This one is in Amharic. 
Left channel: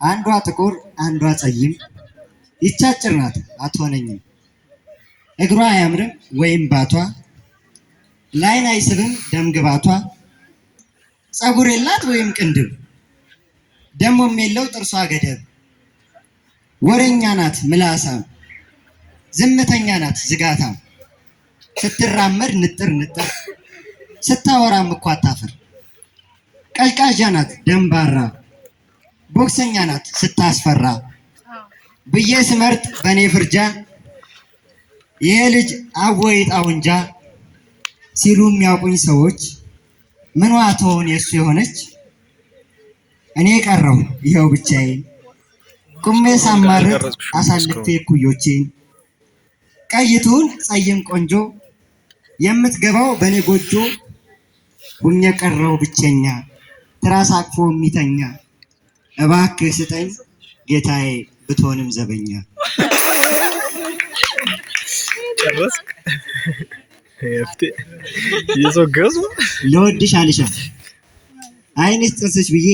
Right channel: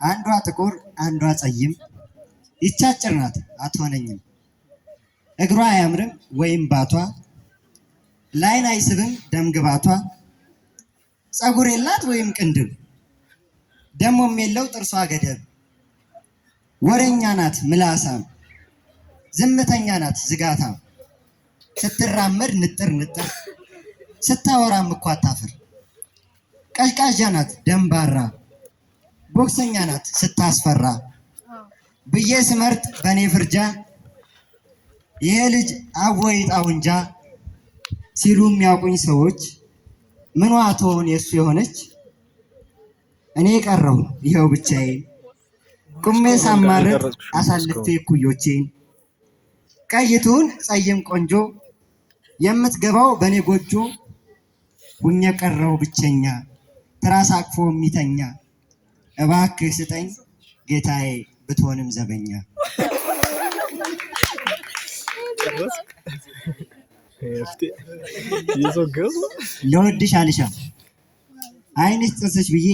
አንዷ ጥቁር አንዷ ፀይም ይቻጭር ናት አትሆነኝም። እግሯ አያምርም ወይም ባቷ ላይን አይስብም ደምግባቷ። ፀጉር የላት ወይም ቅንድብ ደሞም የለው ጥርሷ ገደብ። ወሬኛ ናት ምላሳም ዝምተኛ ናት ዝጋታም። ስትራመድ ንጥር ንጥር ስታወራም እኮ አታፍር። ቀዥቃዣ ናት ደንባራ ቦክሰኛ ናት ስታስፈራ። ብዬ ስመርጥ በኔ ፍርጃ ይሄ ልጅ አወይ ጣውንጃ ሲሉ የሚያውቁኝ ሰዎች ምኗ ትሆን የሱ የሆነች። እኔ ቀረሁ ይኸው ብቻዬን ቁሜ ሳማርጥ አሳልፌ እኩዮቼን። ቀይቱን ፀይም ቆንጆ የምትገባው በኔ ጎጆ ሁኜ ቀረሁ ብቸኛ ትራስ አቅፎ የሚተኛ። እባክህ ስጠኝ ጌታዬ ብትሆንም ዘበኛ። ለወድሽ አልሻ አይንሽ ጥርስሽ ብዬ